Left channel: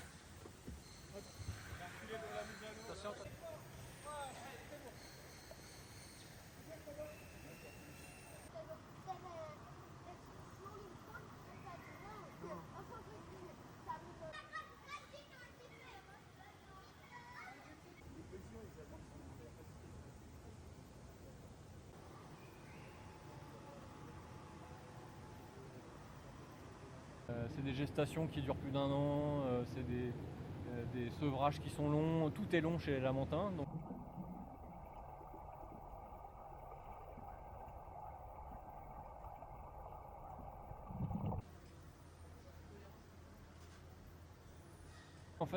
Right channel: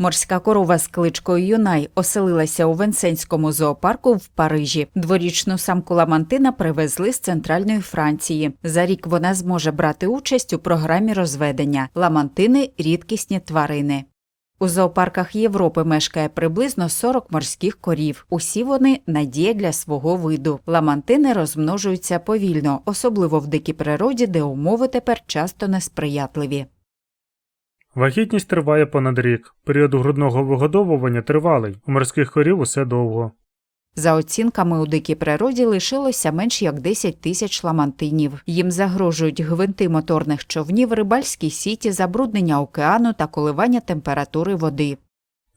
Морська корова з кличкою Юнай оселилася у Венсенському зоопарку в Парижі. Дворічну самку Ламантина привезли з центральної Франції. За рік вона зможе брати участь у програмі розведення. Ламантини рідкісні тварини. У зоопарках Європи мешкає приблизно 40 морських корів. Усі вони надія для свого виду. Ламантини розмножуються повільно, особливо в дикій природі, де умови тепер часто несприятливі. Вагітність триває понад рік. Період грудного вигодовування тривалий. У морських корів усе довго. За оцінками у дикій природі лишилося менш як 10 тисяч ламантинів. Їм загрожують гвинти моторних човнів, рибальські сіті, забруднення океану та коливання температури води.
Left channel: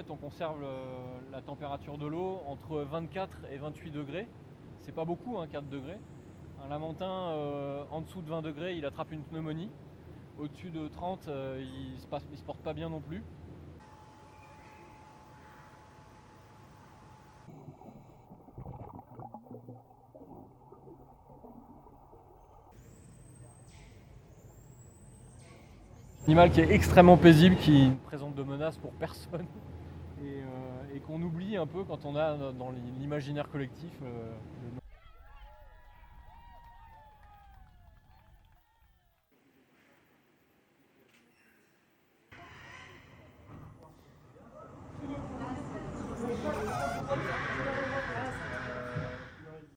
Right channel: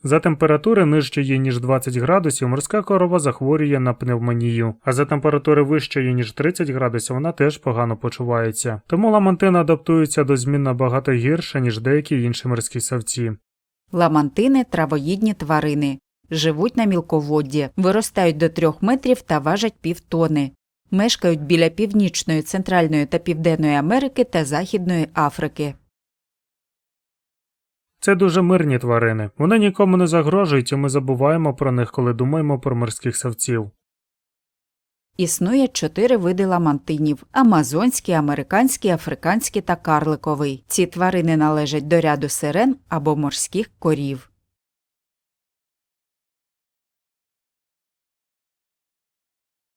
За температури нижчої ніж 20 градусів морська корова захворює на пневмонію. А за температури вищої ніж 30 градусів вона теж погано почувається. Тому ламантина адаптується до змін набагато гірше ніж деякі інші морські савці. Ламантини травоїдні тварини. Живуть на мілководді, виростають до трьох метрів та важать півтони. Мешкають біля північної, центральної та південної Америки та Західної Африки. Це дуже мирні тварини. Вони нікому не загрожують, і ми забуваємо про них, коли думаємо про морських савців. Існує чотири види ламантинів: амазонський, американський, африканський та карликовий. Ці тварини належать до ряду сирен або морських корів.